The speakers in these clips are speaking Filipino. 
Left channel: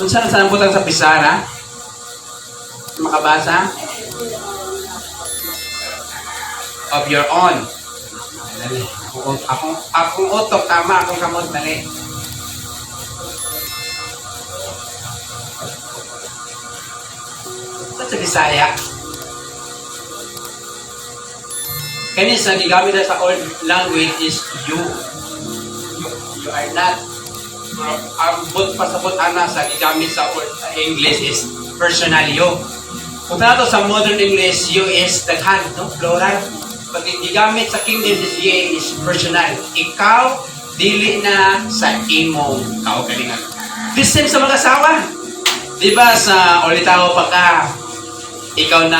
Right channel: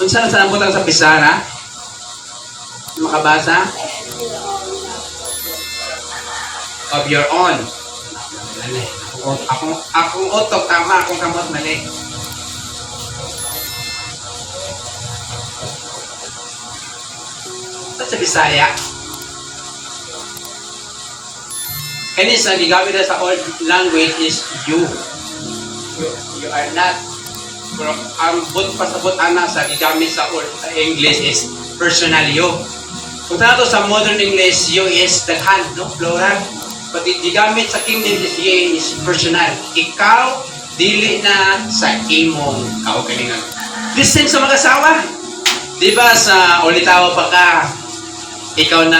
Kung saan butang sa pisara? Makabasa? Of your own. Dali. Akong utok, tama. Akong kamot, dali. At sa Bisaya, kani sa gigawin na sa old language is you. You are not. Pero ang pasabot ana sa gigamit sa old sa English is personal you. Kung tayo sa modern English, you is daghan, no? Plural. Pag gigamit sa King James, you is personal. Ikaw, dili na sa imong kaugalingan. This same sa mga asawa. Di ba sa ulitaw pa ka, ikaw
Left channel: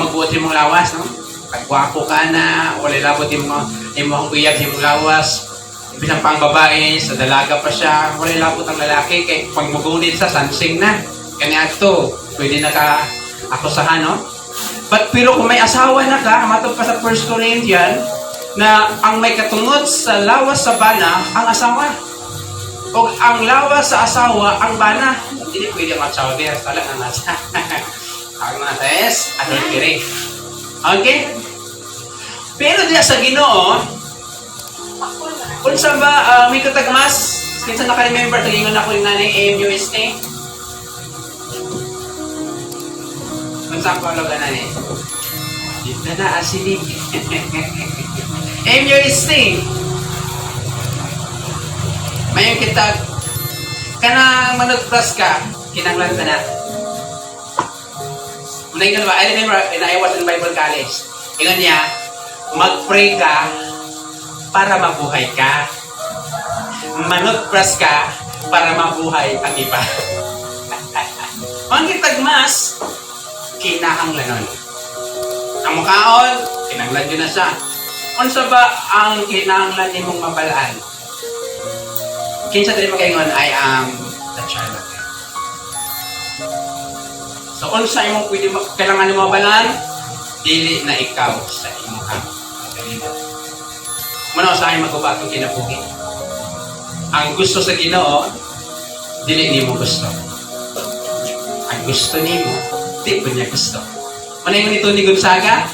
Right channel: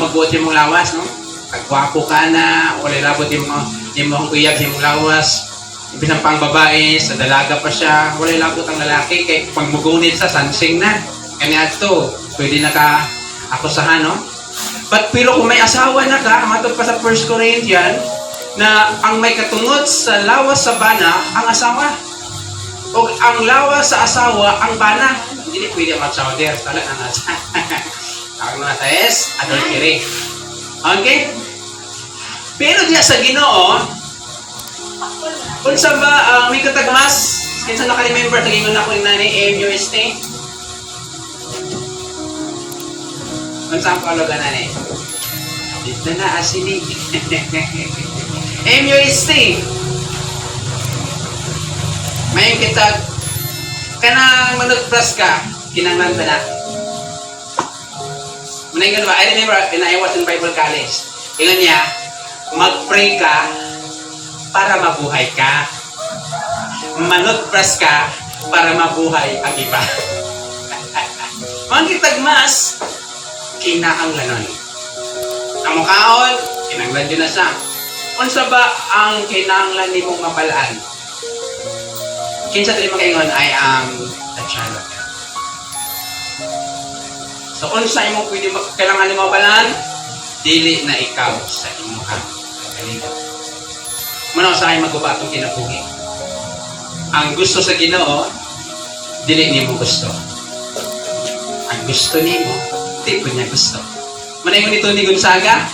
magbuot mong lawas, no? Kagwapo ka na, ulilabot imong uyab imong lawas. Ibig pang babae, sa dalaga pa siya, ulilabot ang lalaki, kay pag mugunit sa sansing na. Kani ato, pwede na ka akusahan, no? But pero kung may asawa na ka, matod pa sa 1 Corinthians, na ang may katungod sa lawas sa bana, ang asawa. O ang lawas sa asawa, ang bana. Hindi pwede ang asawa there. Talagang nasa. Ang nasa is, adultery. Okay? Pero diya sa Ginoo, kung saan ba may katagbahas, minsan naka-remember, tagingon ako yung nanay, MUST. Kung saan ko alo ka nanay? Dito na asinig. MUST. May kita, kanang manutras ka, kinanglan ka na. Muna yung ba? I remember, I was in Bible College. Ingan niya, mag-pray ka para mabuhay ka. Manutras ka para mabuhay ang iba. Ang kitagmas, kinahanglanon. Ang mukhaon, kinahanglan yun na siya. Kung sa ba ang kinahanglan ni mong mabalaan? Kinsa tayo makaingon, I am the child of God. So kung sa imong pwede kailangan ni mabalaan, dili na ikaw sa imong kagalibot. Muna sa akin magbabatong kinabuhi. Ang gusto sa Ginoo, dili ni mo gusto. Ang gusto ni mo, di ko niya gusto. Muna yung ito ni Gonzaga,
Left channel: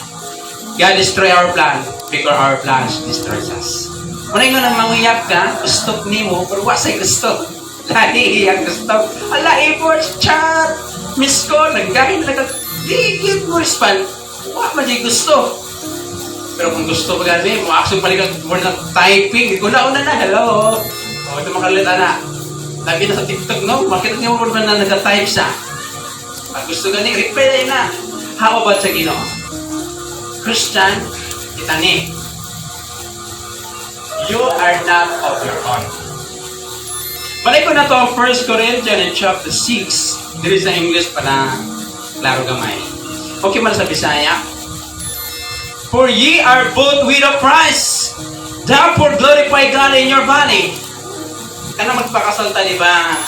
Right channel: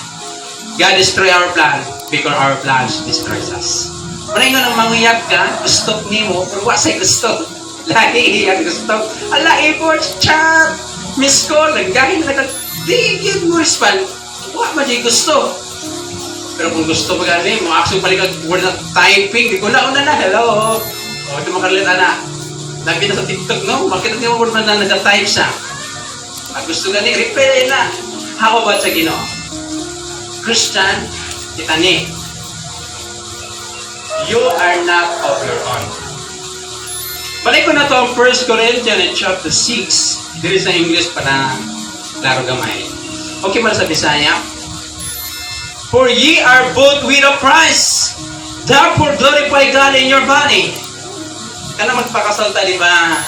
God destroy our plan because our plans destroys us. Muna yung nang mangiyap ka, gusto ni mo, pero wasay gusto. Lahi ang gusto. Alahi po, chat! Miss ko, naggahin na digit mo span. Wala man di gusto. Pero kung gusto mo gani, mo actually balik ang word ng typing. Una na, hello. O, ito makalita na. Sabi na sa TikTok, no? Makita niyo yung word na nag-type siya. Gusto gani, reply na. How about sa Ginoo? Christian, itani. You are not of your own. Balik ko na ito ang 1 Corinthians chapter 6. Dito sa English para laro gamay. Okay man sa Bisaya. For ye are bought with a price. Therefore glorify God in your body. Kana magpakasalta di ba?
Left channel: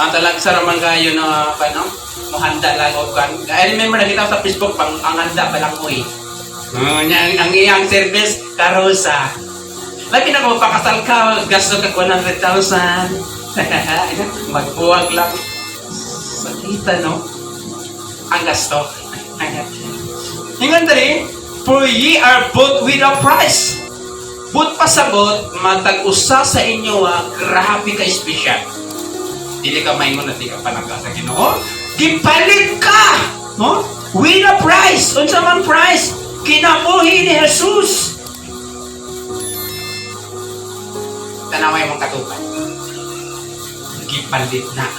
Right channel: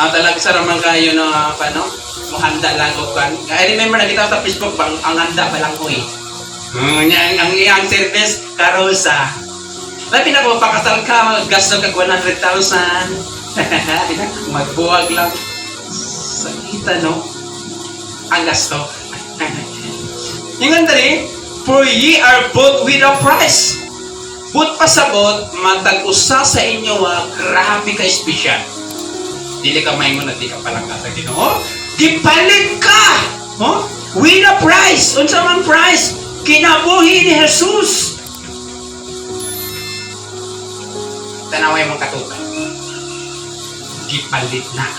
Ang talag sa ramang kayo no, paano? Mahanda lang o kan. I remember nakita ko sa Facebook ang handa pa lang ko eh. Ang iyang service, karosa. Labi na kung pakasal ka, gasto ka 100,000. Magbuwag lang. Sakita, no? Ang gasto. Hingan dali, for ye are bought with a price. But pasabot, matag-usa sa inyo, grabe ka espesyal. Dili ka maingon na di ka palangka sa Ginoo. Gipalit ka! No? With a price! Unsa man price? Kinabuhi ni Jesus. Tanaway mong katupan. Gipalit na.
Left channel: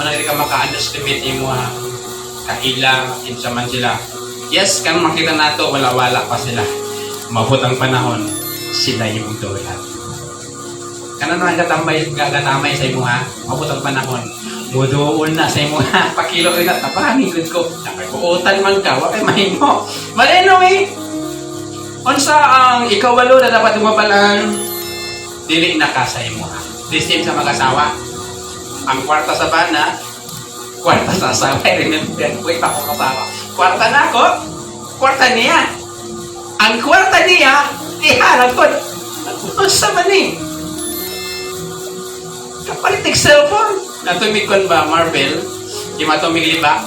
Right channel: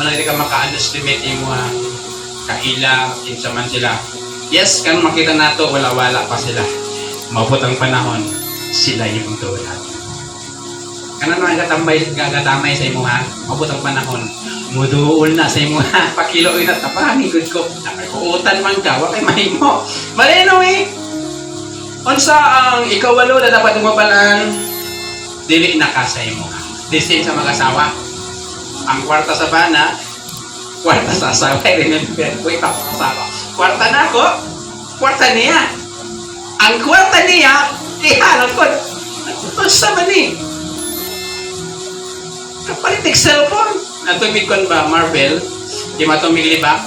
Malari ka maka-underestimate mo kaila, kinsa man sila. Yes, kung makita nato, wala-wala pa sila. Mabot ang panahon, sila yung tulad. Kanang gagamay sa imo ha, mabot ang panahon. Muduol na sa imo ha, pakilo na tapamigod ko. Nakakuutan man ka, wala kay mahimo. But anyway, unsa ang ikawalo na dapat umabalan, dili na ka sa imo ha. This time sa mag-asawa, ang kwarta sa bana, kwarta sa asawa. Remember, wait ako asawa. Kwarta na ako, kwarta niya. Ang kwarta niya, iharap ko. Unsa man ni? Palitig cellphone. Natumikon ba, Marvel? Di matumigli ba?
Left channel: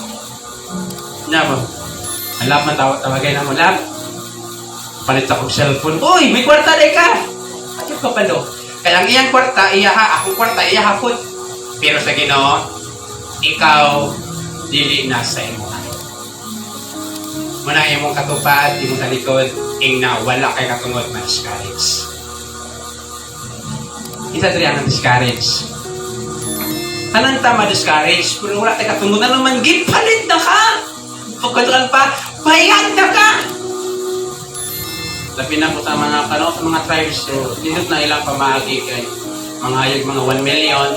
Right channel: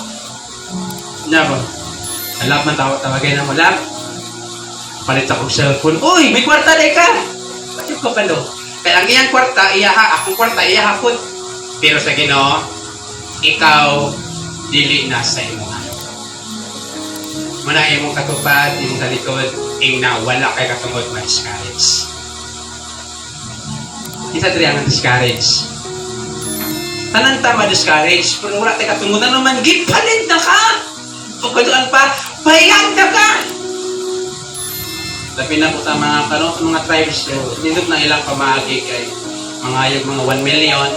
Na ba? Alap man tawagay na mo, lap. Palit akong cellphone. Uy, may kwarta na ka. Pati pa palo. Kaya ang iyang kwarta, iyaha. Akong kwarta, iyaha po. Pero sa Ginoo, ikaw, dili na sa imo. Manang imong katupad, imong talikod, ingna, wala kay katungod na discourage. Kita diri ang discourage. Tanan ta ma-discourage, pero wala tayo katungod na naman, gipalit na ka! O kaduan pa, bayad na ka! Labi na po ang mga mga tribes, dito na ilang pamahagi kay mga hayog mga 1 million.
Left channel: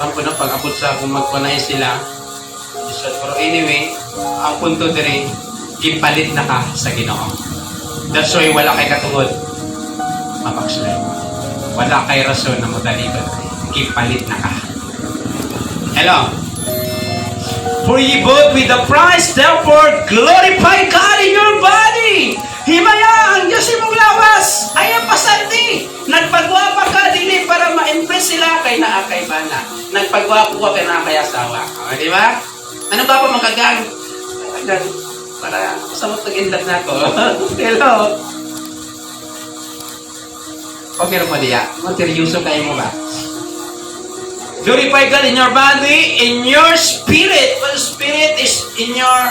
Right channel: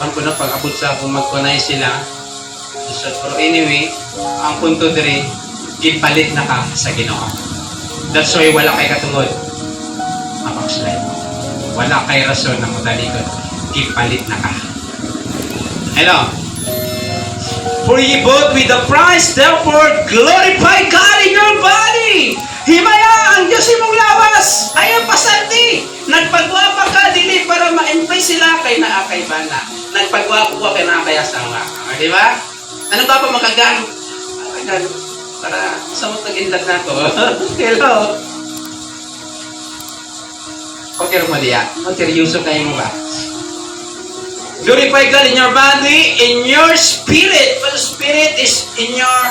Ang po na pag-abot sa kung magkunay sila. So, pero anyway, ang punto diri, gipalit na ka sa Ginoo. That's why wala kay katungod. Slide. Wala kay rason na mutalikod. Gipalit na ka. Hello? For ye bought with the price, therefore glorify God in your body. Himaya ang Diyos imong lawas. Ayaw pasanti. Nagpagwapa ka dili para ma-impress sila kay naa kay bana. Nagpagwapa kay naa kay asawa. O, di ba? Ano ba pa magagano? Para sa matag-indat na to. Hello? Okay lang ba diya? Seryoso kayo mo ba? Glorify God in your body, in your spirit. The spirit is in your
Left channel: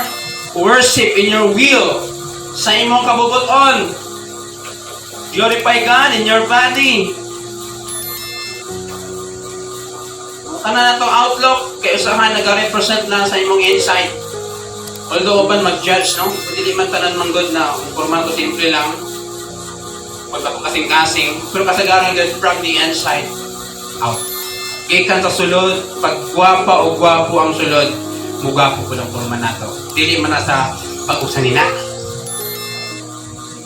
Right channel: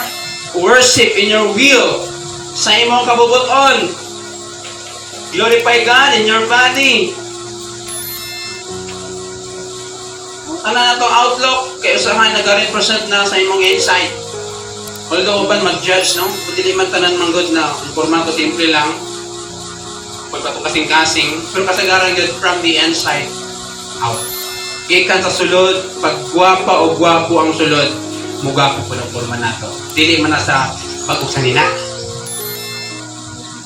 worship, in your will. Sa imong kabubuton. Glorify God in your body. Ano na ito? Outlook. Kaya usahan, nag-represent na sa imong insight. Although ba mag-judge, no? Hindi man tanan manggod na formato simple lang. Pagka kasing-kasing. Pero kasagaran yun from the inside out. Ikan kasulod, pag gwapa o gwapo ang sulod, mugapo ko ng forma na ito. Dili man na sa pag-usan nila.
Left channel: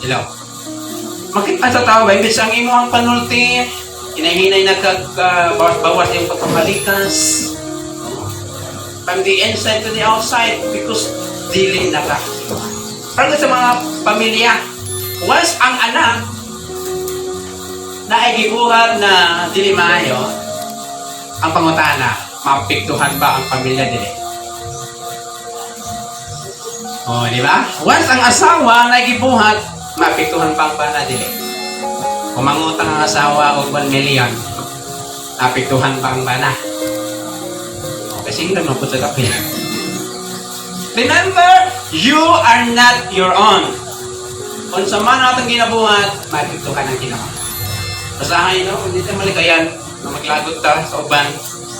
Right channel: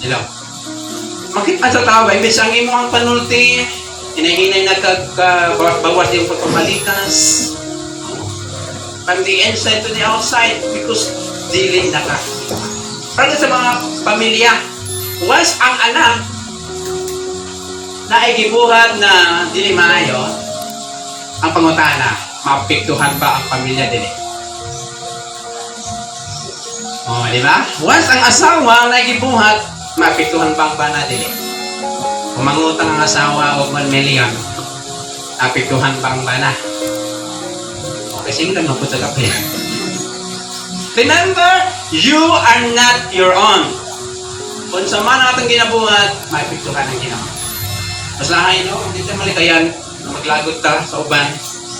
Hello? Makita sa tao, imbis ang imo ang panulti, hinahinay na bawas yung kapabalikas. From the inside to the outside, because dili na ka. Para sa mga pamilya, once ang anak na ay gibuhat na dili maayo, ang pangutana, mapiktuhan ba ang pamilya dili? O, di ba? Once ang asawa na gibuhat, mapiktuhan pa ang bana dili. Kung mangutang ang asawa o 1 million, mapiktuhan pa ang bana. Kasi nga nung puto ka pala. Remember, you are not your own. Kung sa man natin ginabuhat, mapiktuhan ang ginawa. Masahay, no? Kung dito malikayan, maglagot ta sa uban.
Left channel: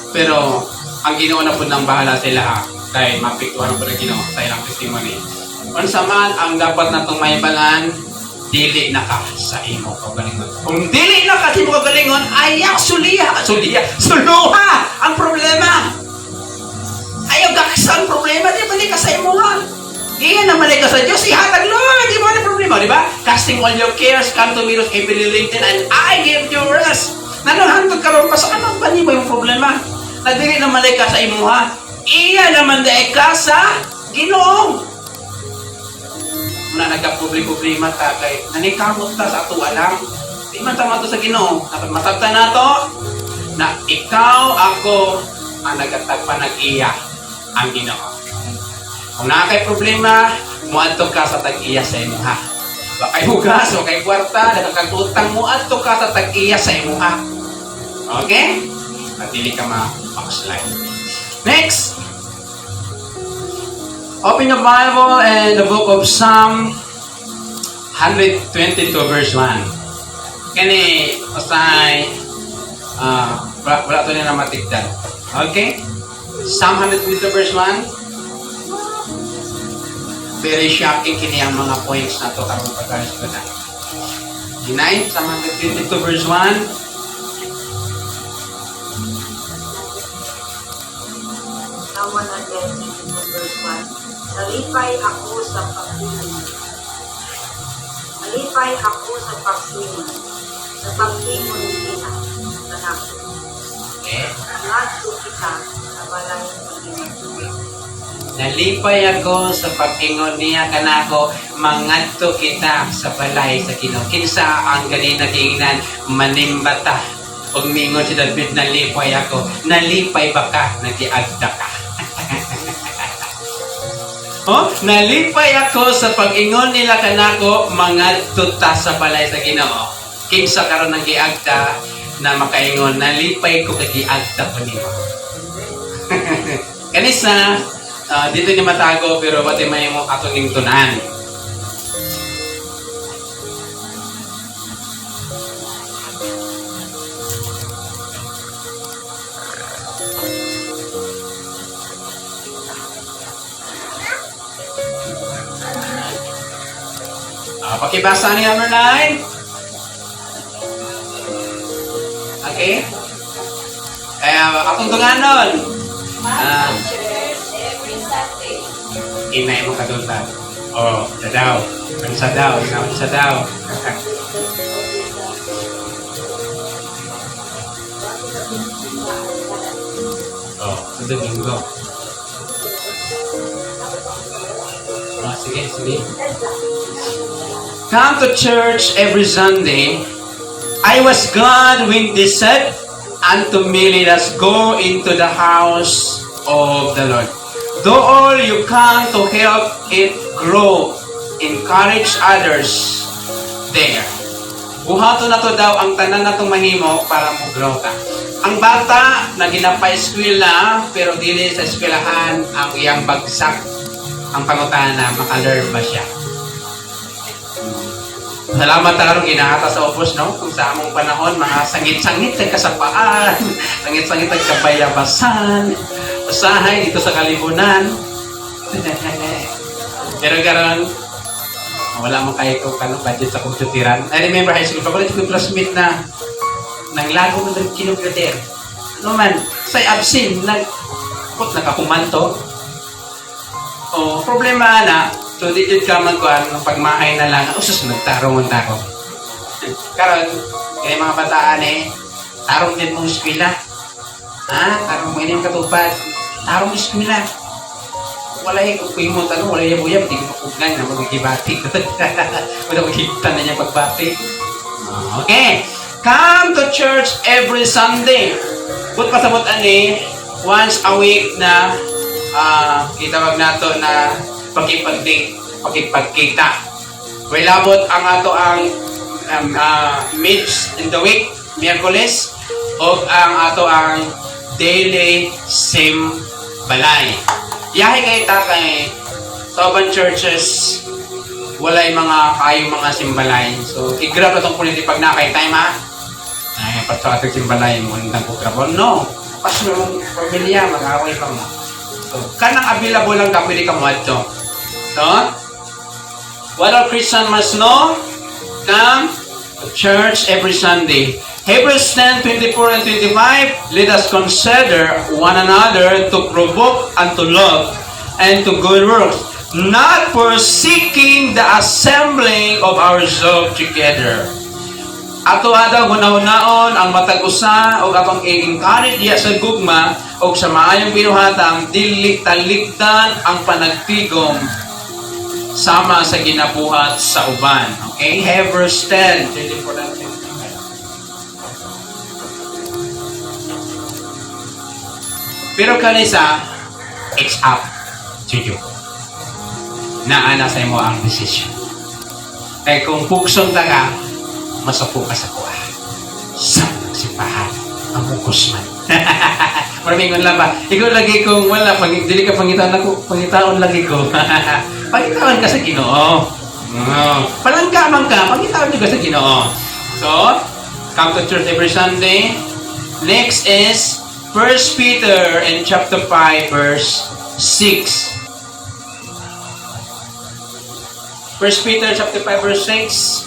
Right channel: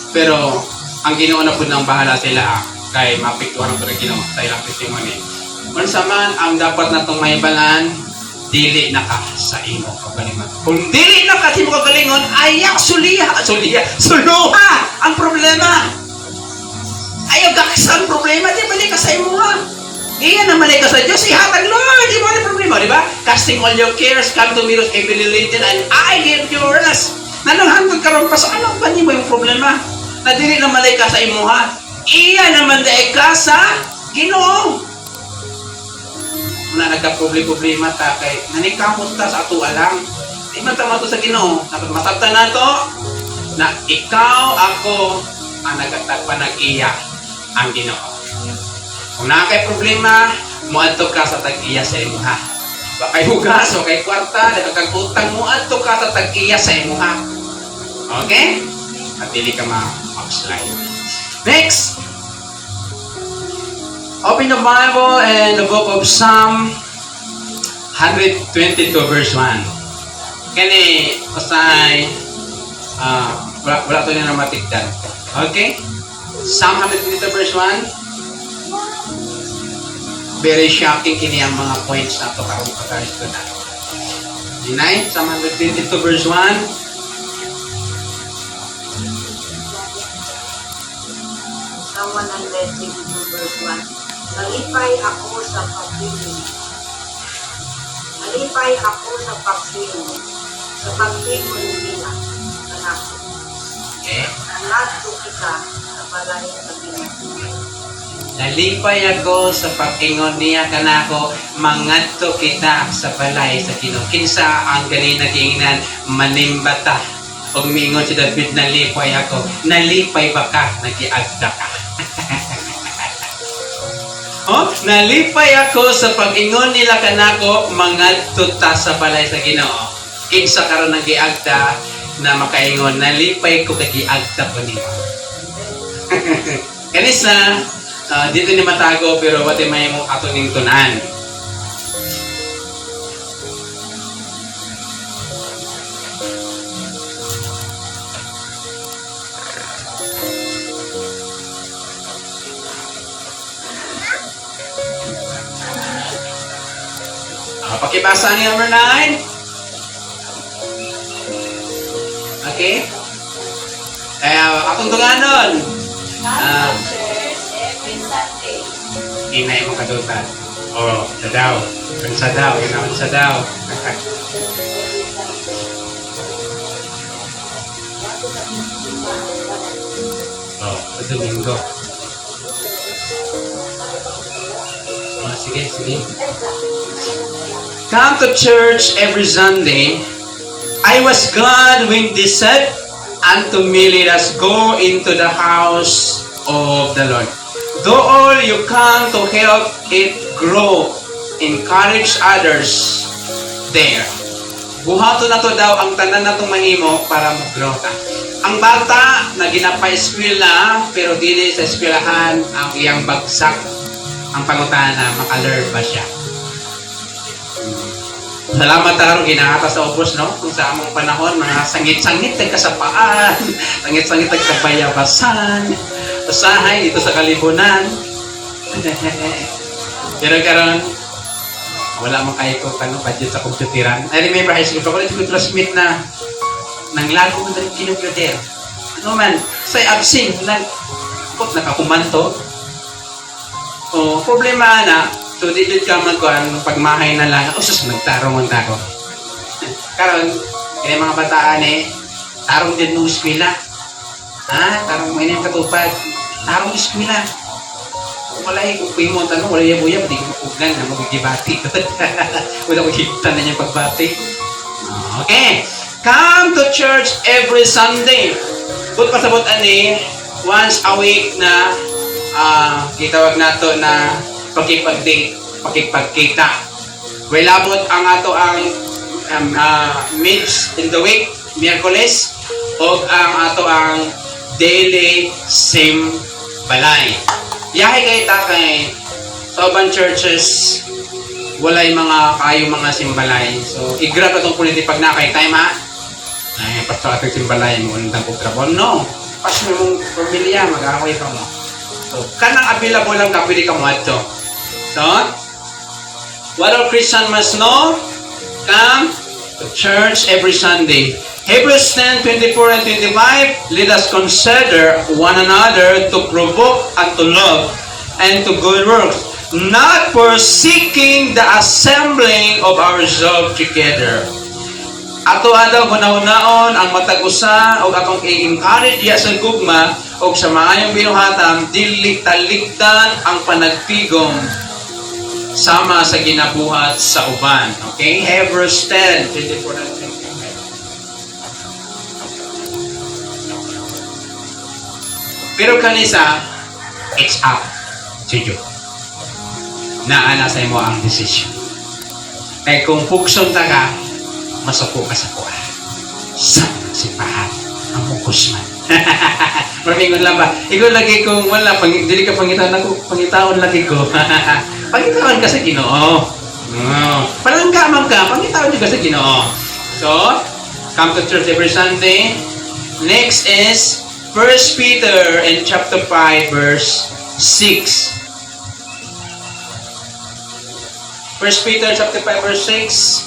Pero, ang ginawa na po ng bahala sila, kay mapiktuhan ko na ginawa sa ilang testimony. Kung sa man, ang dapat na itong maibalan, dili na ka sa imo kagalingon. Kung dili na ka sa imo kagalingon, ayaw suluha ang problema. Ayaw kakisa ang problema, di balik ka sa imo ha. Iyan ang balik ka sa Diyos, ihatag Lord, di ba ang problema, di ba? Casting all your cares, come to me with heavily laden, and I give you rest. Nanuhantod ka ron pa sa ano ba niyo yung problema? Na dili na balik ka sa imo ha. Iyan naman dahil ka sa Ginoo. Na nagka-problema ta kay nanikamot ta sa ato alam. Di man ta mato sa Ginoo. Napagmasabtan nato na ikaw ako ang nagpanag-iya ang Ginoo. Kung nakakay problema, muadto ka sa tag-iya sa imo ha. Bakay hugas o kay kwarta, kag utang muadto ka sa tag-iya sa imo ha. Okay? At dili ka ma-slide. Next. Open the Bible and the book of Psalm 122 verse 1. Kani, pasay, brato na na matigdan. Okay? Psalm 122 verse 1. Very shocking kini ang mga points na ito karong pagkakas ko na. Dinay, Psalm 122 verse 1. Psalm 122 verse 1. Nalipay ako sa pagpili. Nalipay ako sa pagpili. Sa pagpili ng nila. Sa nako. Okay. Nangato kita sa balay ng Ginoo. Nalipay ako sa pag-ingon niya kanako, mangadto kita sa balay sa Ginoo. Kinsa ang gali na giingnan manimbata Pag mingon si David, nalipay ako. Nalipay ba ka? Nagiagda ka. Oh, nalipay ako sa pag-ingon nila kanako mga tuta sa balay sa Ginoo. Kinsa karon nagiagda na makaingon, nalipay ko kagiagda po niyo. Kanisa, dito ni matago pero pati may mo atong ingtunan. Pakibasa ni number 9. Okay? Akong tunganon. Every Sunday. Inay mo kadutan. O, sa daw. Sa daw. Sa daw. O, sa Domingo. Sige, sige. Come to church every Sunday. I was glad when they said unto me, let us go into the house of the Lord. Though all you come to help it grow, encourage others there. Buhato na to daw ang tanan na itong mahimo para mag-grow ta. Ang bata na ginapa-eskwela, pero dili sa eskwelahan ang iyang bagsak. Ang pangutana, maka-learn ba siya? Salamat tarong ginahata sa upos, no? Kung sa among panahon, mga sangit-sangit ng kasapaan, sangit-sangit ng kabayabasan, usahay dito sa kalibunan. Pero karon wala mo kayo kung budget sa komputiran. I remember high school, pag ko classmate na nanglago na rin kinuklader. Ano man, say absent, nakakumanto. O, problema na, so di dito ka magkuhan, pagmahay na lang, sus, nagtarong ang taro. Karon, kaya mga bataan tarong din mong eskwela. Ha? Tarong mo inyong katupad. Tarong mo eskwela. Walay, kung mo tanong, wala yung buya, hindi ko makugan na magigibati. Wala magigita na niya pagbati. Okay. Come to church every Sunday. But pasabot once a week na kitawag nato na pakipag-date, pakipagkita. Wilabot ang ato ang meets in the week, Miyerkules, o ang ato ang daily simbalay. Yahay kayo kay sa urban churches, walay mga simbalay. So, i-grab na itong politi pag nakay time ha. Ay, pato ating simbalay mo ng dagok ka. Well, no. Pasyo ng pamilya, mag-away pa mo. So, kanang available lang ka, pwede kang wadto. So, what all Christian must know? Come to church every Sunday. Hebrews 10:24 and 25, let us consider one another to provoke unto love and to good works, not forsaking the assembling of ourselves together. Ato adang hunahunaon ang matag-usa o atong i-encourage diya sa gugma o sa maayong binuhatam, dili talikdan ang panagpigom sama sa ginabuhat sa uban. Okay? Hebrews 10:24 and 25. Pero kanisa, it's up to you. Naana sa imo ang decision. Kaya kung pukson ka, masapo ka sa kuha. Sa simbahan, mamukos man. Maraming lang ba? Ikaw lagi kung wala, hindi ka pangitaon lagi ko. Pangitawan ka sa Ginoo. Palangkaman ka, pangitawan ka sa Ginoo. So, come to church every Sunday. Next is 1 Peter in chapter 5 verse 6. 1 Peter chapter 5 verse 6.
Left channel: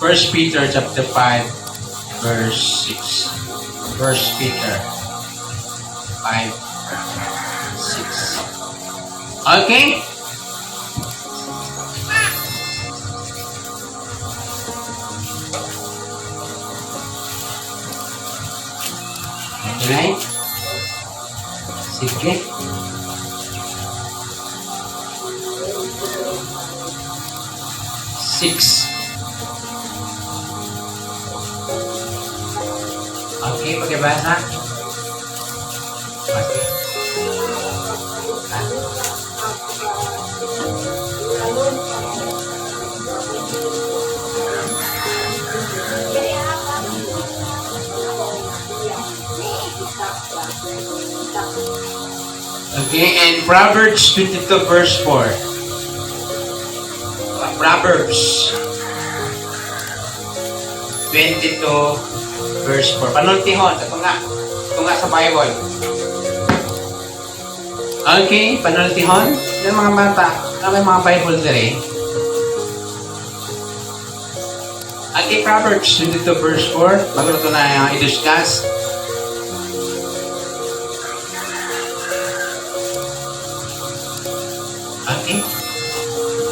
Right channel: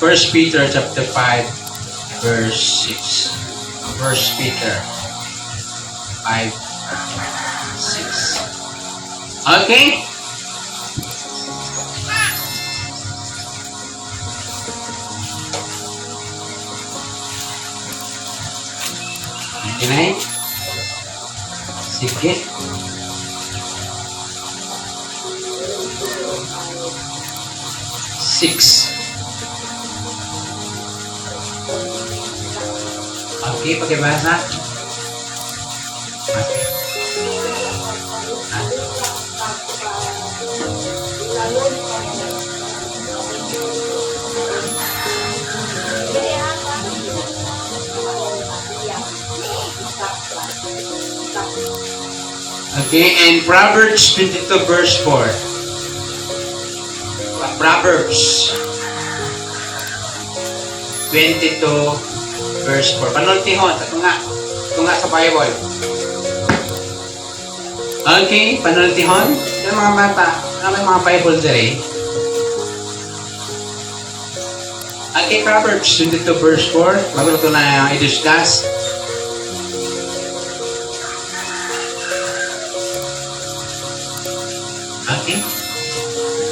First Peter chapter 5 verse 6. First Peter 5 6. Okay? Okay? Sige. 6. Okay, pakibasa. Okay. Okay, and Proverbs 22 verse 4. Proverbs 22 verse 4. Panultihon, ito nga sa Bible. Okay, panultihon. Yung mga mata, ano yung mga Bible dire? Okay, Proverbs 22 verse 4. Bago ito na i-discuss. Okay.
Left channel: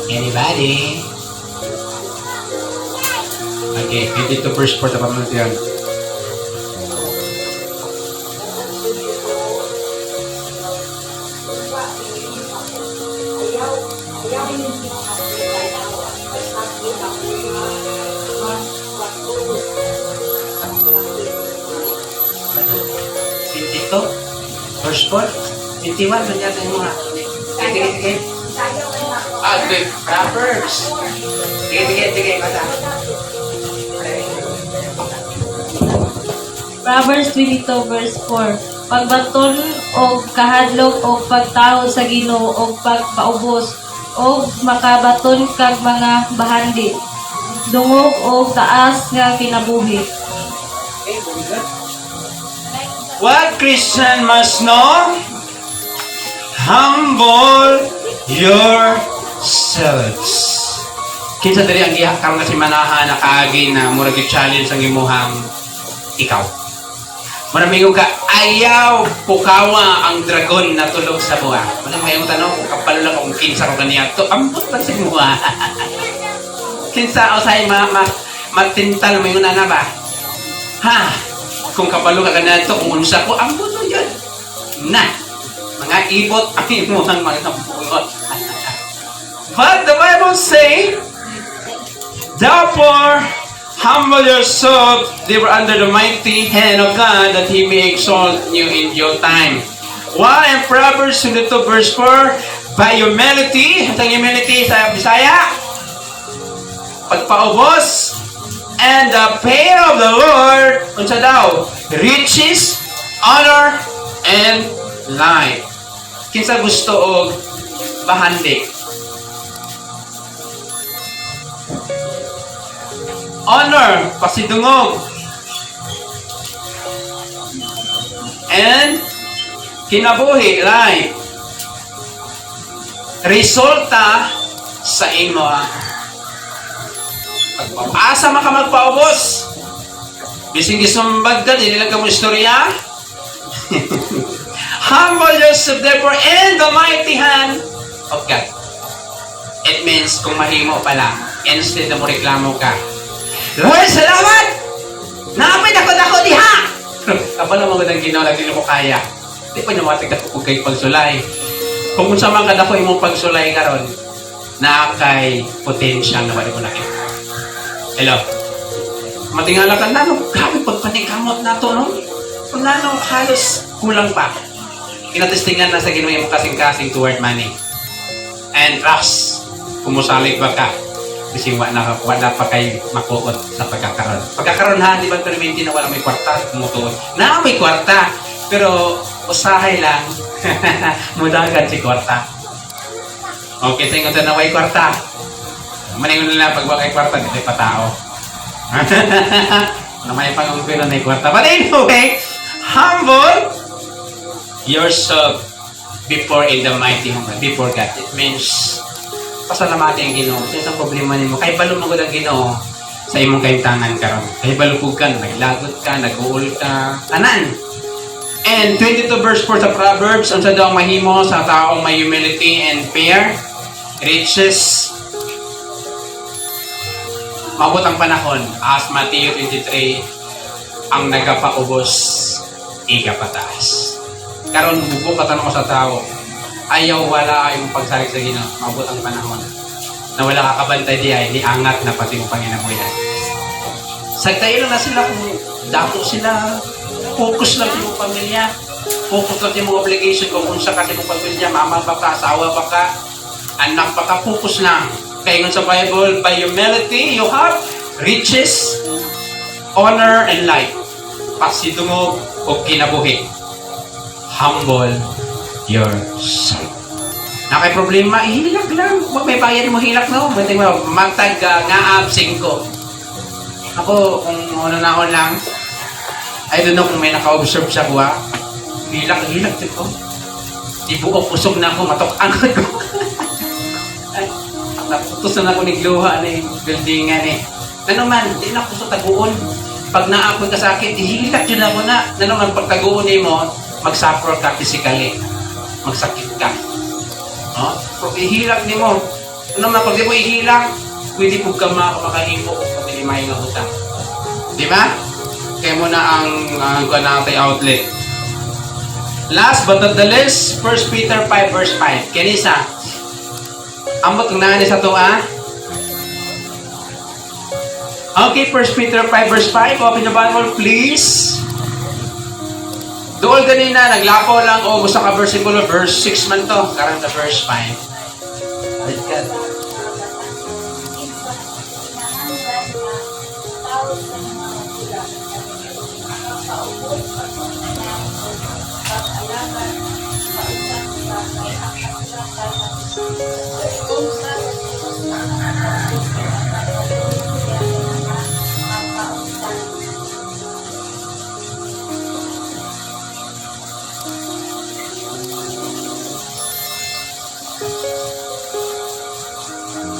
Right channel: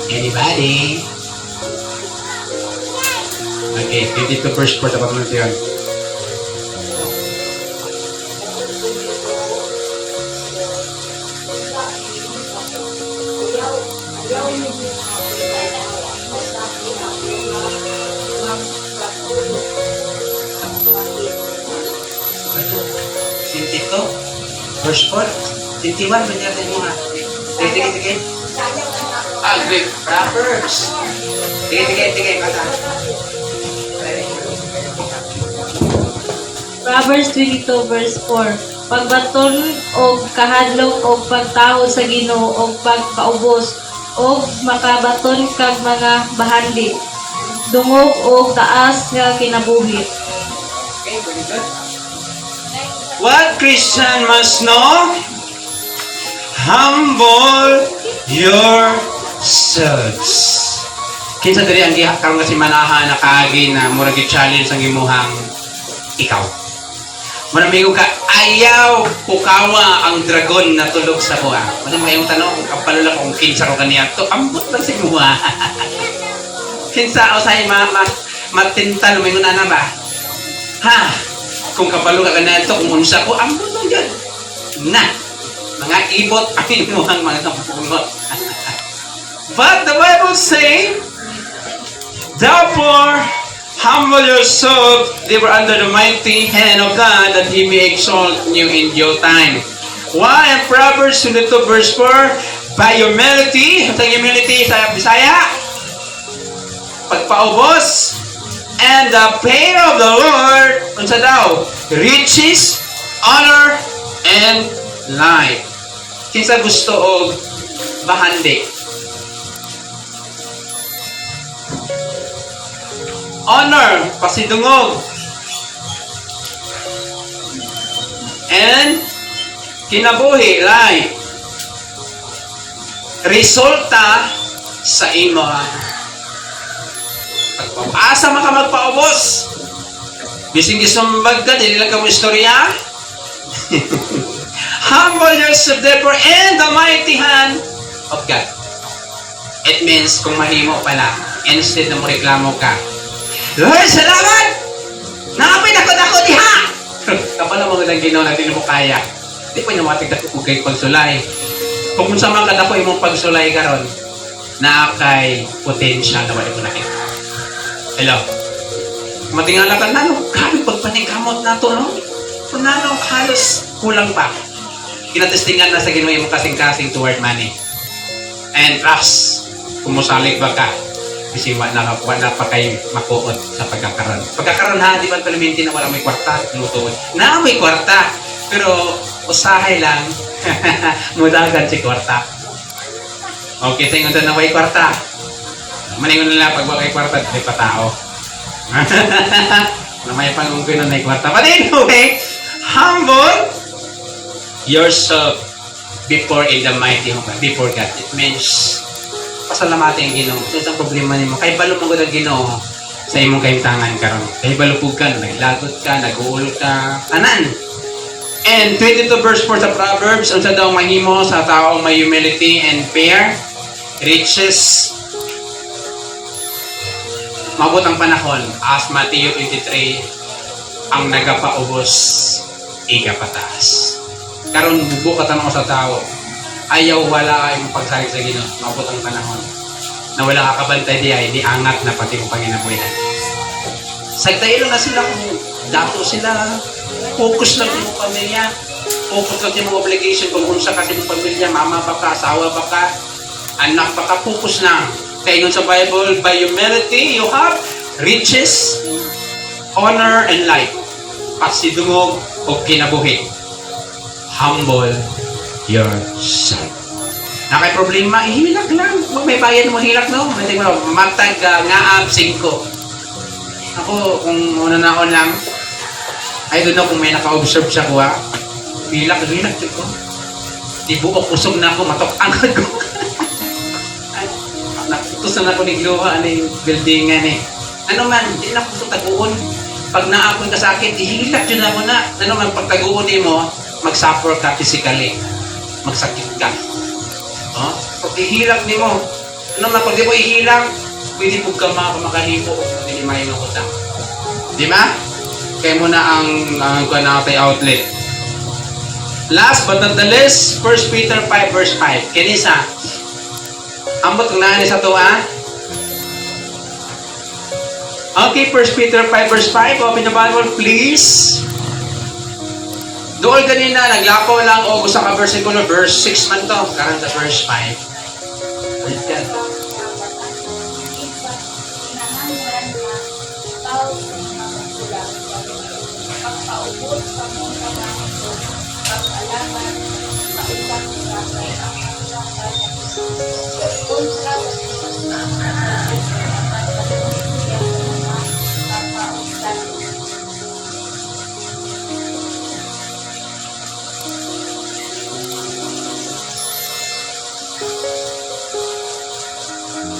Anybody? Okay, 22 verse 4 na panultihon. Verse 4. 21, manyata yung mga. Tige. The Proverbs. Tige. Kata. Proverbs 22 verse 4. Pagbaton o kahadlok o pagtaho sa Ginoo o pagpaubos o makabaton kag mga bahandi. Dungog o taas nga kinabuhi. Okay, very good. What Christian must know? Humble yourselves. Kinsa diri ang gihakal nga si manaha na kaagi na murag challenge ang imuhang ikaw. Manamigo ka, ayaw pukawa ang dragon na tulog sa buha. Ano may yung tanong kung kapalula kung kinsa ko kaniya to, ambot lang sa imuha. Kinsa o sa matintal mo yung nana ba? Ha? Kung kapalo ka na ito, kung unsa ko, ang puto yun. Na, mga ibot, ang inuhang mga puno. But the Bible say, therefore, humble yourself, therefore under the mighty hand of God, that He may exalt you in due time. Why? In Proverbs 22 verse 4, by humility, ang humility sa Bisaya, pagpaubos, and the fear of the Lord, unsa daw? Riches, honor, and life. Kinsa gusto og bahandi? Honor, pasidungog. And kinabuhi, life. Resulta sa imo pagpapasa maka magpaubos. Bising gisumbag ka, di nila ka mo istorya. Humble yourself therefore in the mighty hand of God. It means kung mahimo ka na, instead na mo reklamo ka, Lord, salamat! Nakapit ako diha! Ako na mo katang ginawa, di na mo kaya. Di pa namatig na po kay pagsulay. Kung sa mga kadako imong pagsulay karon, na kay potential na wala ko nakita. Hello? Matingala ka na, grabe pagpatingkamot na ito, no? Panalo, halos kulang pa. Kinatestingan na sa ginawa yung kasing-kasing toward money. And trust, kung musalik ba ka, kasi wala pa kayo makuot sa pagkakaroon. Pagkakaroon ha, di ba perminti na wala may kwarta, tumutuot. Na may kwarta, pero usahay lang, mudagan si kwarta. Okay, tingnan sa na may kwarta. Maningon nila pag wakay kwarta, di pa tao. Na may pangungkin na may kwarta. But anyway, humble yourself before in the mighty before God. It means pasalamati ang Ginoo. So sa problema nimo, kay balo mo gud ang Ginoo sa imong kahimtangan karon. Kay balupog ka, naglagot ka, nag-uulog ka, tanan. And 22 verse 4 sa Proverbs, unsa daw mahimo sa tao may humility and fear, riches. Maabot ang panahon, as Matthew 23, ang nagapaubos, igapataas. Karon bubo ka tanong sa tao, ayaw wala ay pagsalig sa Ginoo. Maabot ang panahon. na wala kakabantay di ay di angat na pati mo panginabuyan. Sa tayo lang na sila kung dato sila, focus lang yung pamilya, focus lang yung obligation kung sa kasi yung pamilya, mama pa ka, asawa pa ka, anak pa ka, focus na. Kaya yun sa Bible, by humility, you have riches, honor, and life. Pasidungog o kinabuhi. Humble yourself. Na kay problema, ihilak lang. Kung may bayad mo, hilak na. Pwede mo, matag nga 5. Ako, kung una lang, I don't know kung may naka-observe siya ko, hilak ko. Di buo, kusog na ako, matok-angkot ko. Naputusan na ako ni Gluha, ni buildingan eh. Ano man, di na kusog taguon. Pag naapon ka sa akin, ihilak yun na muna. Ano man, pag taguon mo, mag-suffer ka physically. Magsakit ka. No? Pag ihilak ni mo, ano man, pag di mo ihilak, pwede po ka makalipo pag di may utang. Di ba? Kaya muna ang kanatay outlet. Last but not the least, 1 Peter 5 verse 5. Kinisa. Ambot ang naanis sa ito, Okay, 1 Peter 5 verse 5. Open the Bible, please. Doon ganina, naglapo lang o gusto ka versikulo, verse 6 man to. Karoon sa verse 5. Read ka.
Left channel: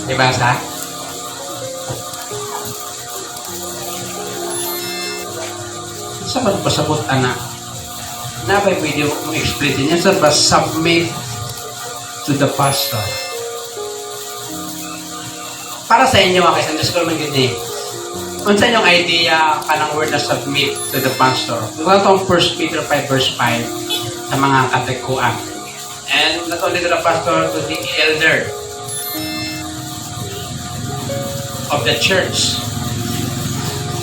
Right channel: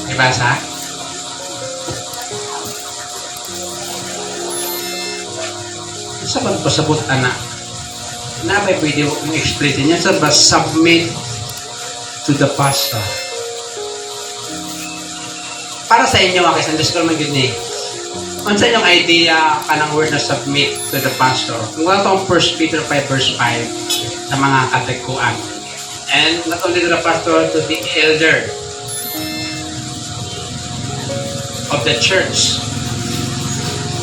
Dibasa? Sa pagpasabot, anak, na ba pwede mong explain niya? Sir, ba submit to the pastor? Para sa inyo, kasi underscore mo yun eh. Kung sa inyong idea ka ng word na submit to the pastor, kung ito ang 1 Peter 5 verse 5 sa mga katekuan. And not only to the pastor, to the elder of the church.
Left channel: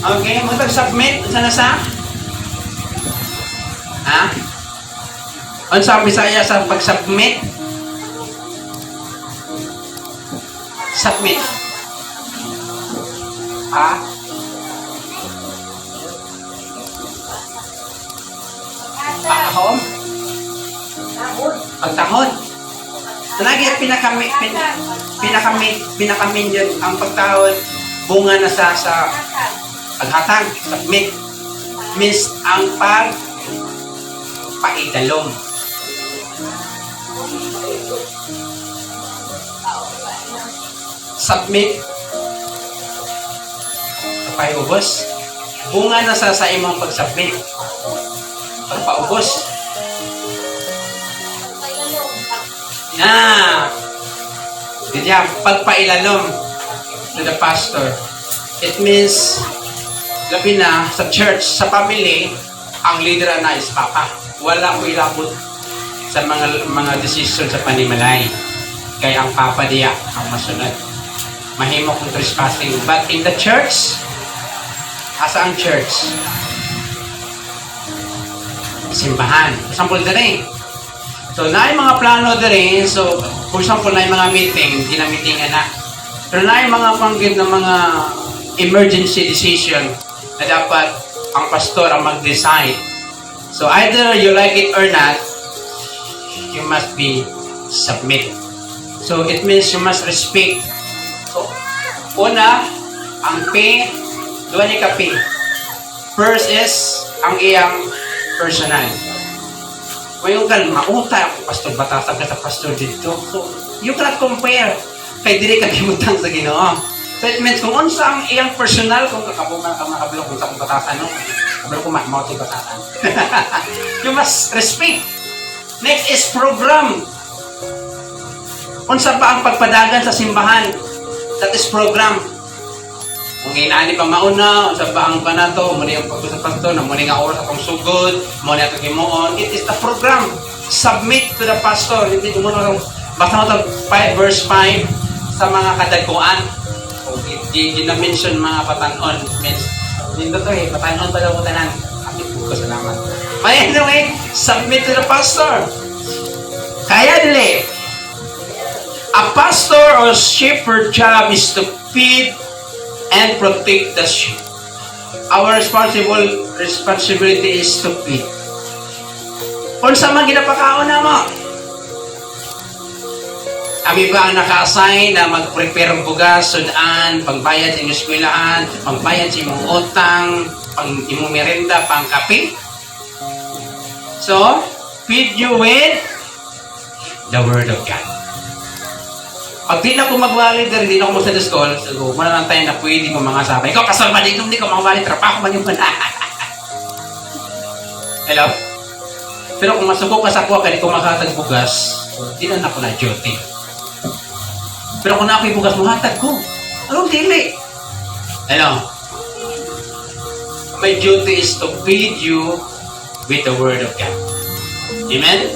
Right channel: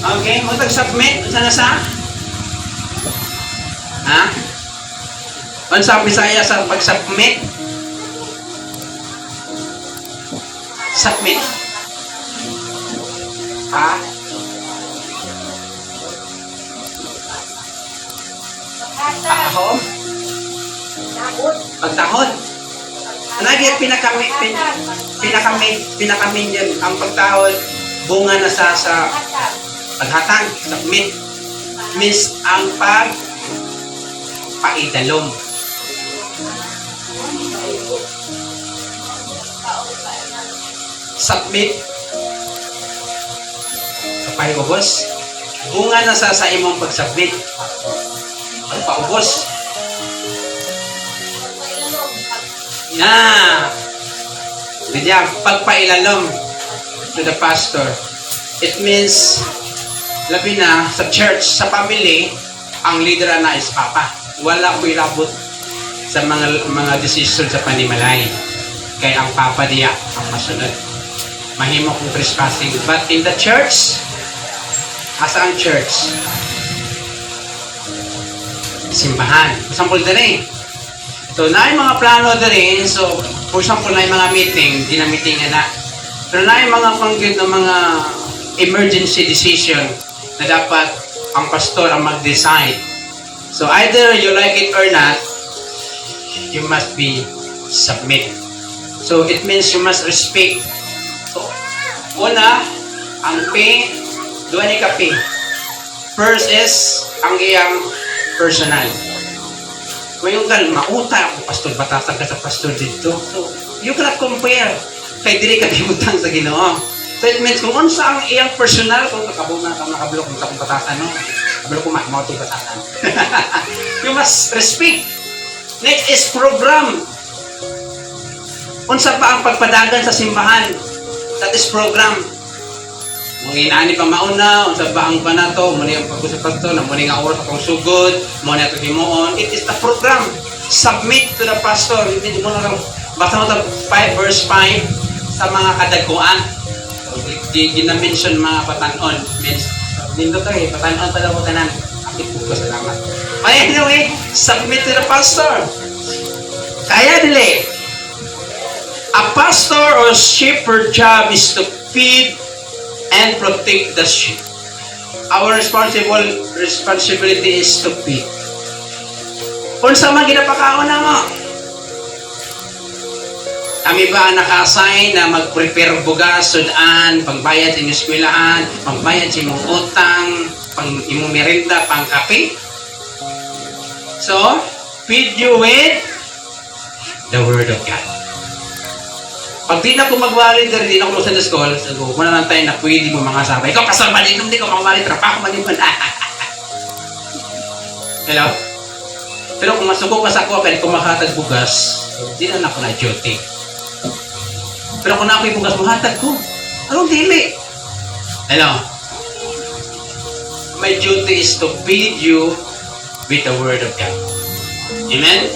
Okay, mo tag-submit sa nasa? Ha? Ano sa Bisaya sa pag-submit? Submit. Ha? Tahon? Pagtahon? Lagi pinakamit yan ang pagtahon, bunga na sa paghatang, submit. Means ang paidalom. Submit. Kapay ubos. Bunga na sa imong pag-submit. Paubos. Diyan, pagpailalom to the pastor. It means, labi na, sa church, sa family, ang leader na is papa. Wala ko ilabot sa mga decision sa panimalay. Kaya ang papa diya, ang masunod. Mahimo kong trespassing. But in the church, asa ang church? Simbahan. Example din. So, na mga plano din. So, for example, na mga meeting, di na meeting na. Pero na mga panggit na mga emergency decision na dapat ang pastor ang mag-decide. So, either you like it or not, you must be submit. So, it means you must respect. So, una, ang pay, doon ni ka pay. First is, ang iyang personal. Ngayon ka, mauta ako, pastor, batatag ka sa pastor dito. So, you cannot compare. Kaya dili ka bimutang sa Ginoo. So, it means, kung unsa ang iyang personal, kung kakabuman pa makabilo, kung kakatatan, kabilo ko makamaw ito batatan. You must respect. Next is program. Unsa pa ang pagpadagan sa simbahan? That is program. Kung inaani pa mauna, unsa pa ang panato, muli ang pagkusap-to, na muli nga oras akong sugod, muli ang himuon. It is a program. Submit to the pastor. Basta mo 5 verse 5. sa mga kadagkuan. Di na-mention mga patanon. Lindo to eh, patanon pa daw ko tanan. Kapit ko, salamat. Anyway, submit to the pastor. Kaya dili. A pastor or shepherd job is to feed and protect the sheep. Our responsibility is to feed. Kung sa mga ginapakaon na mo, kami ba ang naka-assign na mag-prepare bugas, sudan, pangbayad sa inyong eskwelahan, pangbayad sa inyong utang, pang imong merenda, pang kape? So, feed you with the Word of God. Pag di na ko mag-volunteer, di na ko sa school, so kung na lang tayo na pwede mo mga sabay. Ikaw, kasabalik kung di ko mag-volunteer, trapaho man yung mana. Hello? Pero kung masuko ka sa ako, pwede ko makahatag bugas, di na ako na duty. Pero kung na ako'y bugas, mahatag ko. Anong dili? Hello? My duty is to feed you with the Word of God. Amen?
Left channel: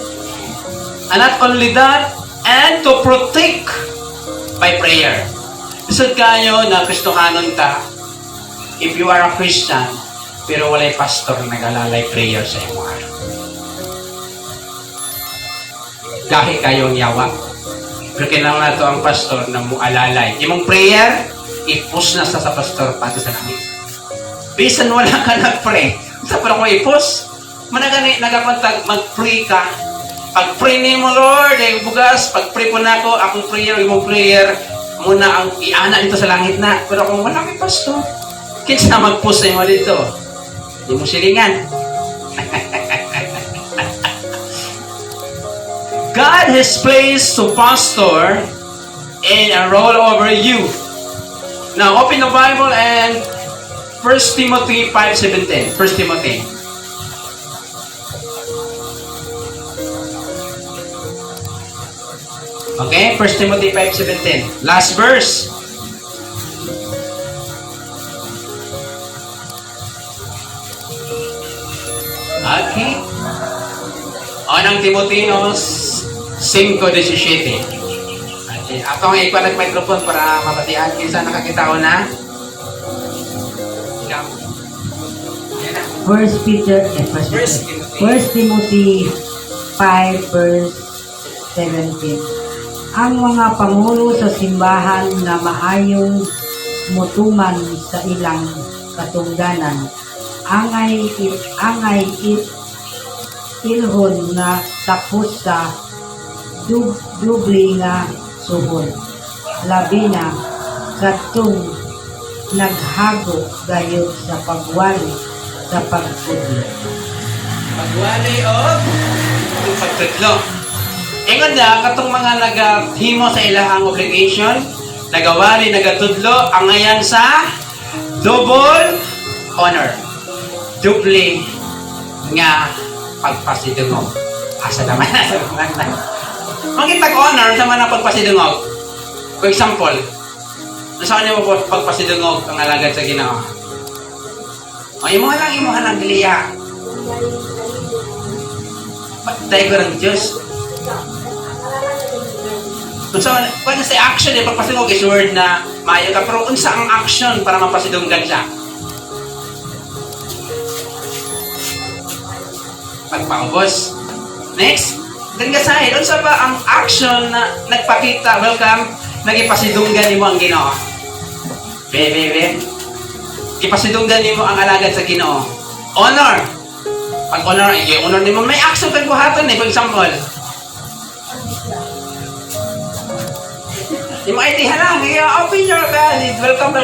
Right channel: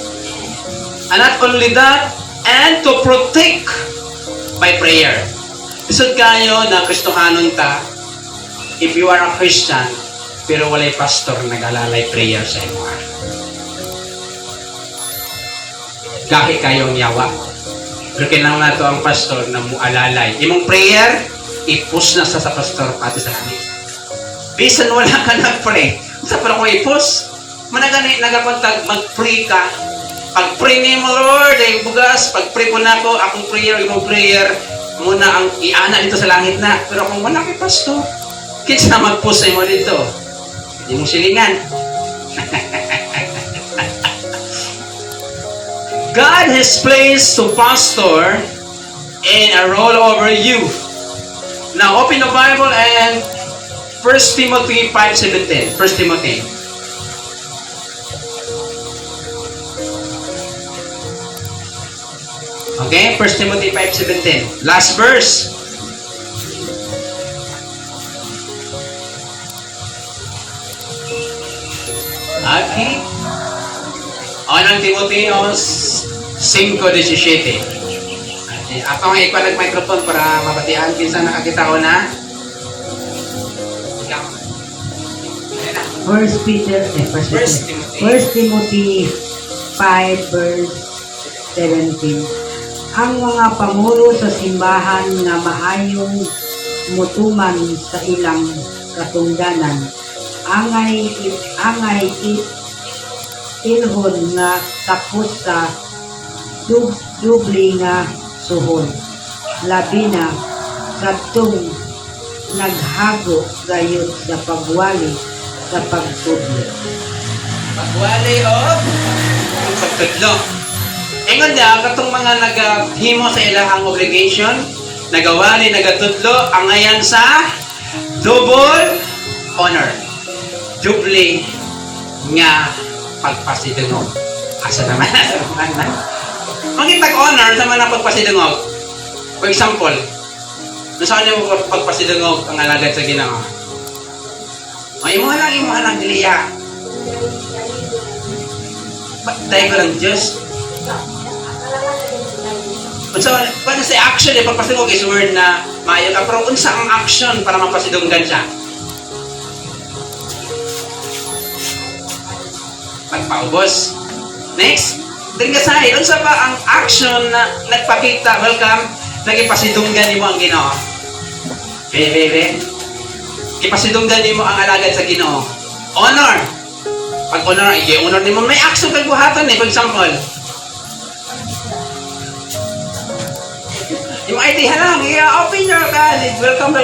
And not only that, and to protect by prayer. Isod kayo na Kristohanon ta, if you are a Christian, pero walay pastor nag-alalay prayer sa imo. Gahi kayong yawa. Pero kailangan na ito ang pastor na mualalay. Imong prayer, i-push na sa pastor pati sa kami. Bisan wala ka na-pray. Sa pala ko i-push, managani nagapantag, mag-pray ka. Pag-pray niyo mo, Lord, ay bugas, pag-pray po na ako, akong prayer, imong prayer, muna ang iana dito sa langit na. Pero kung wala kay pastor, kinsa mag-push sa imo dito? Hindi mo silingan. God has placed to pastor in a role over you. Now, open the Bible and 1 Timothy 5:17. 1 Timothy. Okay, 1 Timothy 5:17. Last verse. Okay. Unang Timoteos 5:17. Ako nga ipa nag-microphone para mabatian kinsa nakakita ko na. Ikaw. Ayan na. 1 Timothy 5 verse 17. Ang mga pangulo sa simbahan na maayong mutuman sa ilang katungdanan, angay ilhod nga tapos sa dubli nga suhod. Labi na katong naghago gayud sa pagwali sa pagtudlo. Pagwali o pagtudlo. Ingon niya, katong mga naghimo sa ilang obligation, nagawali, nagatudlo, ang ngayon sa double honor. Dubli nga pagpasidungog. Asa naman na, asa naman na. Mangitag honor sa mga pagpasidungog. For example, saan niyo mo pagpasidungog ang nalagad sa Ginoo? O, yung mga lang nagliya. Patay ko ng Diyos. So, when say action, yung pagpasidungog is word na maayo ka, pero unsa ang action para mapasidunggan siya? Pagpaubos. Next, din ka sahid, unsa ba ang action na nagpakita, welcome, nagipasidunggan ni mo ang Ginoo? Bebe, ipasidunggan ni mo ang alagad sa Ginoo. Honor. Pag honor, i-honor ni mo, may action kang buhatan eh, for example. Yung ID lang, open your college. Welcome.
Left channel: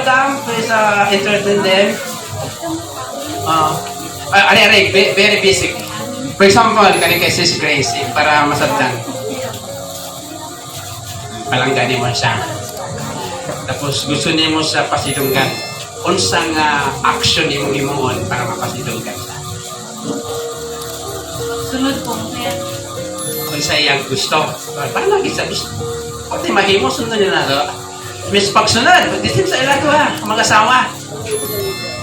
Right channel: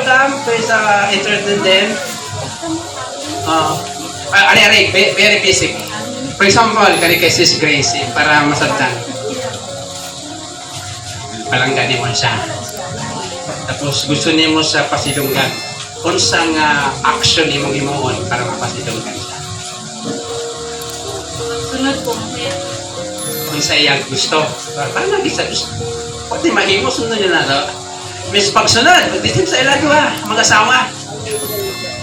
Please introduce them. Very basic. For example, kani kay Sis Grace, para masabtan. Palanggan mo siya. Tapos gusto niya mo sa pasidunggan. Unsang action ni mong imuon para mapasidunggan siya. Sunod po. Unsa iyang gusto. Tama kita gusto. Pati mahimo sunod niya na. Miss pagsunod, ditin sa iladwa, mag-asawa.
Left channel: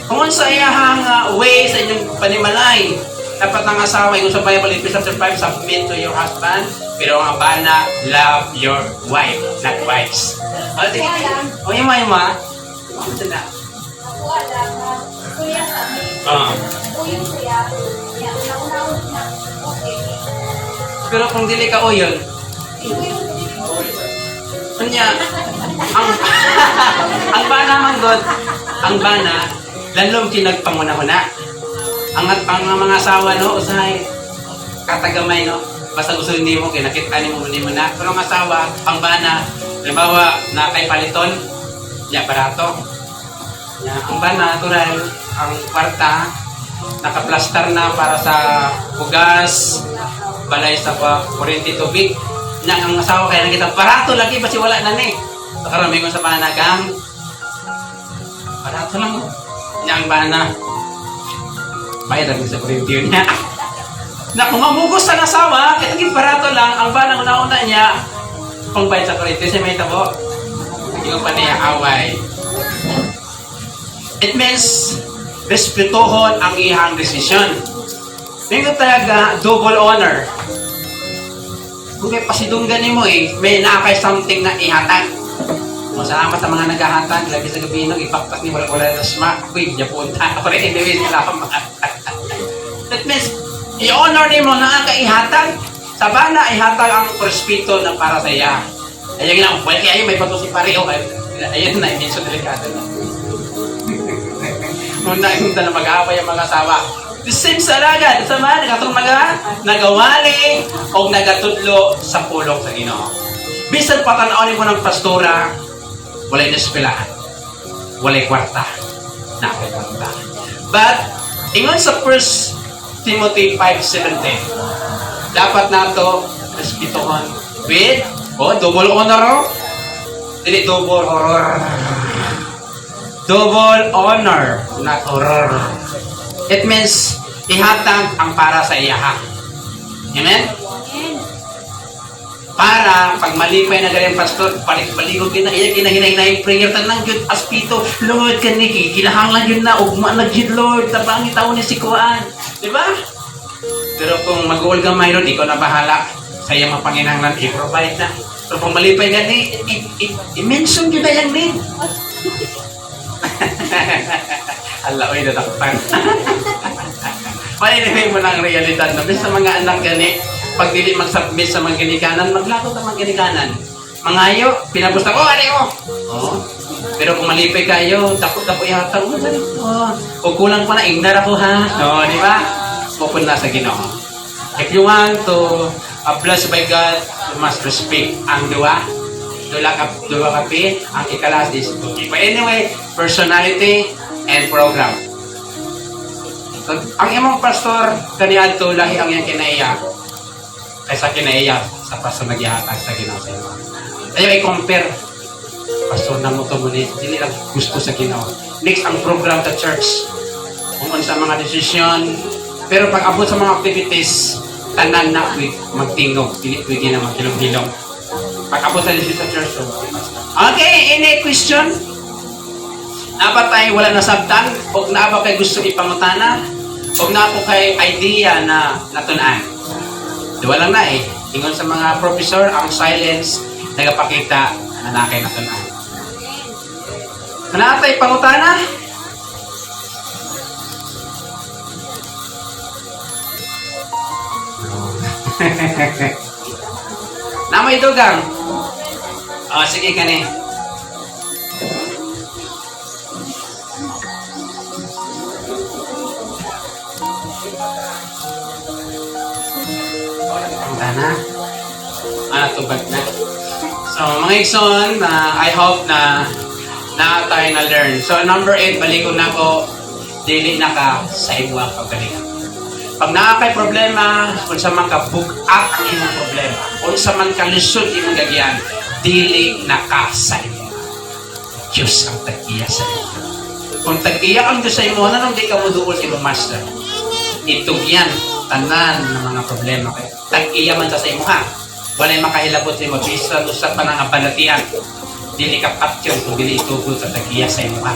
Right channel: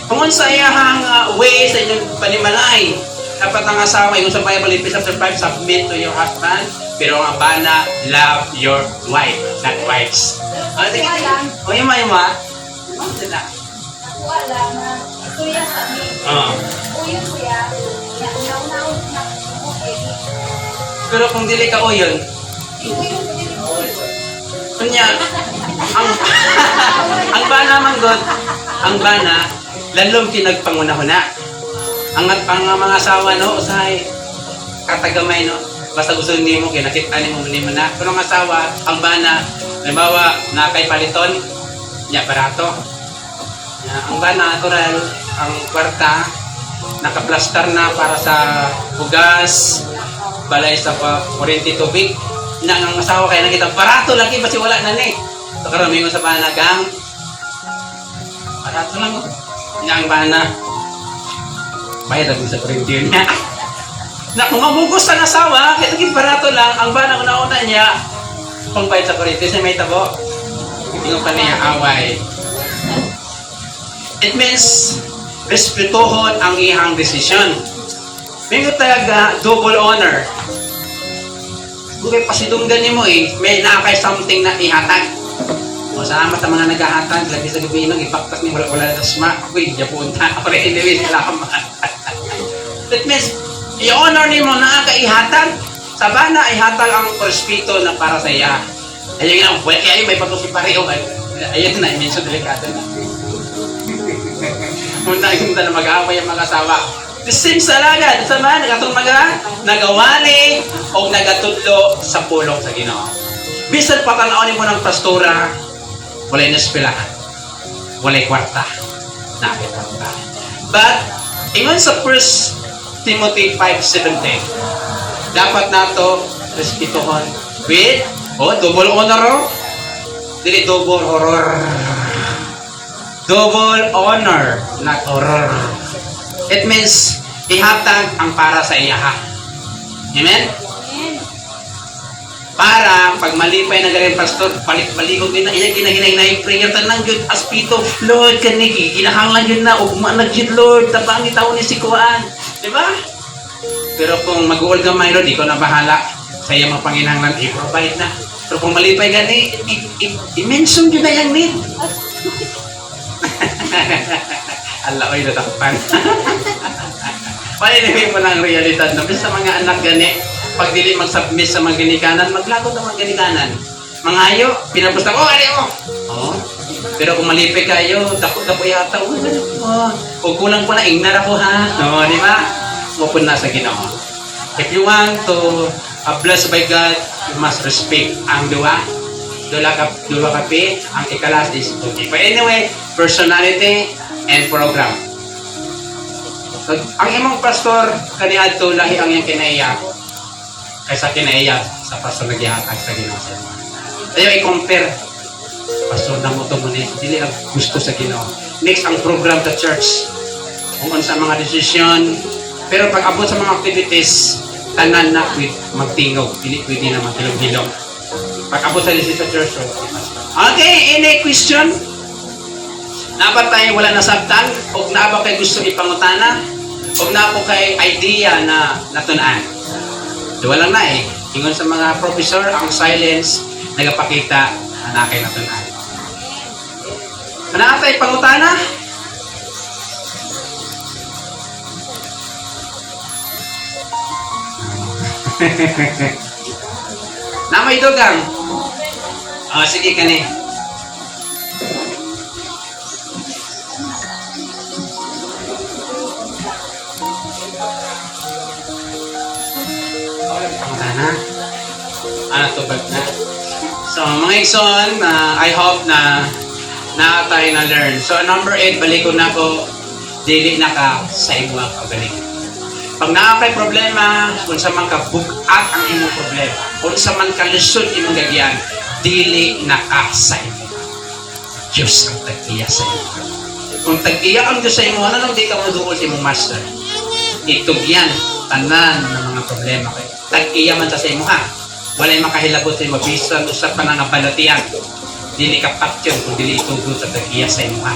Kung sa iyang way sa inyong panimalay, dapat ang asawa, yung sa Bible, Ephesians 5, submit to your husband, pero ang bana, love your wife, not wives. O, sige. O, ima. Ano sila? Nakuha lang na kuya sa amin. Oo. Kuya kuya. Yan, nauna-una na. Okay. Pero kung dili ka oil, Kuya kuya. kanya, ang bana man God, ang bana, lalong kinagpanguna-una. Ang mga asawa, no, usahay, katagamay, no, basta gusto hindi mo, kinakita mo na. Pero ang asawa, ang bana, halimbawa, na kay paliton, niya parato. Ang bana, natural, ang kwarta, nakaplastar na para sa bugas, balay sa kuryente tubig. Na ang asawa kaya nakita, parato lagi, basi wala na ni. Karami mo sa bana kang, parato lang mo. Niya ang bana, bayad ako sa kuryente yun niya. Na kung mabugos sa asawa, kaya naging parato lang, ang bana ko nauna niya, kung bayad sa kuryente, sa may tabo, hindi pa niya away. It means, respetuhon ang ihang desisyon. Hindi talaga double honor. Kung may pasidunggan mo may nakakay something na ihatag. O salamat ang mga naghahatag, labi sa gabi nang ipaktak ni wala na smack. Uy, Japon na ako rin, hindi salamat. That means, i-honor ni mo na ihatag. Sa bana, ihatag ang respeto na para sa iya. Ayun lang, well, kaya may patusin pareho. Ayun na, hindi so delikado na. Yung nakikita na mag-aaway ang mga asawa. The same salagad, sa mga nagatong nagawali o nagatudlo sa pulong sa Ginoo. Bisan patanawin mo ng pastora, walay naspilahan, walay kwarta, nakita. But, ingon sa 1 Timothy 5:17, dapat na ito respetuhan with, double honor, dili double horror. Double honor, not horror. It means, ihatag ang para sa iya. Amen? Para, pag malipay na galing pastor, paligod din na iya, ginahinay prayer, tanang yun, aspito, Lord, kaniki, ginahangan yun na, ugma na yun, Lord, tabangit ako ni Sikuan. Diba? Pero kung mag-uul ka mayroon, di ko na bahala. Kaya mapanginahanglan, i-provide na. So kung malipay gani, i-mention yun na yan, min. Allah ko yung natakutan. Paninimig mo lang ang realidad na sa mga anak gani, pag dili mag-submit sa mga ginikanan, maglagot ang mga ginikanan. Mangayo, pinabusta ko, gani mo! Oh. Pero kung malipay kayo, takot ka pa yata, o kulang ko na, ignar ako ha. No, di ba? Pupunta sa Ginoo. If you want to blessed by God, you must respect ang dua. Dua kapi, ang ikalas is okay. But anyway, personality and program. So, ang imong pastor, kaniyan to lahi ang iyang kinaiya. Kaysa kinaiya sa pastor nagyahatag sa Ginoo. Tayo i-compare. Pastor na mo ito muna, hindi lang gusto sa Ginoo. Next, ang program sa church. Kung sa mga desisyon. Pero pag abot sa mga activities, tanan na magtingog. Pwede na magtilog-hilog. Pag abot sa desisyon sa church. Okay, any question? Dapat tayo wala nasabtan, huwag na ba kayo gusto ipangutana, huwag na po kayo idea na natunaan. Wala na ingon sa mga professor, ang silence, nagapakita na nakay natunaan. Ano tayo pangutana? Na may dugang? Sige ka ni. Tubag na. So, mga igsoon, I hope na tayo na-learn. So, number 8, balikon na ko, dili na ka sa imong pabalik. Pag nakakay problema, kung sa man ka book up ang imong problema, kung sa man ka lusod imong gagyan, dili na ka sa imong. Diyos ang tag-iya sa imong. Kung tag-iya kang Diyos sa imong, ano di ka madukol sa imong master? Itugyan, tanan ng mga problema kayo. Tag-iya man sa imong ha. Walay makahilagot sa imong bisa sa pananabalatian. Dili ka patyon kung dili itugod sa tag-iya sa imong ha.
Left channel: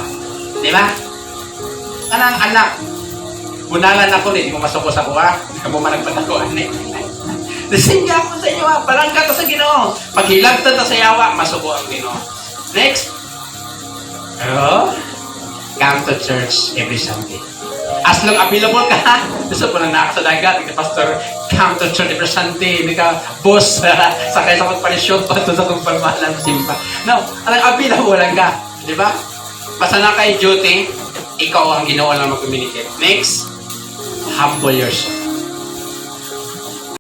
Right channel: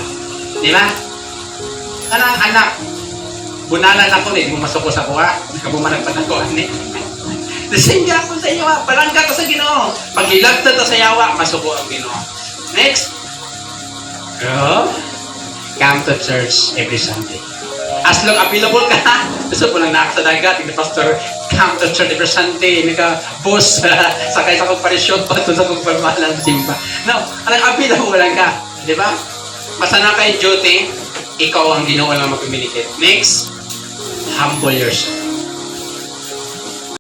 Di ba? Kanang anak, bunalan ako ni, di mo masukol sa kuha. Nakabumarag pa ako ni. The same nga ako sa iyo ha. Palangga ka sa Ginoo. Paghilagta ta sa yawa, masuko ang Ginoo. Next. Oh, come to church every Sunday. As long available ka, gusto po lang na sa dagat, the pastor, come to church every Sunday, hindi ka boss, sakay sa magparisyon pa, sa magpapalansing pa. No, alang available lang ka, di ba? Basta na kay duty, ikaw ang ginawa lang mag-communicate. Next, humble yourself.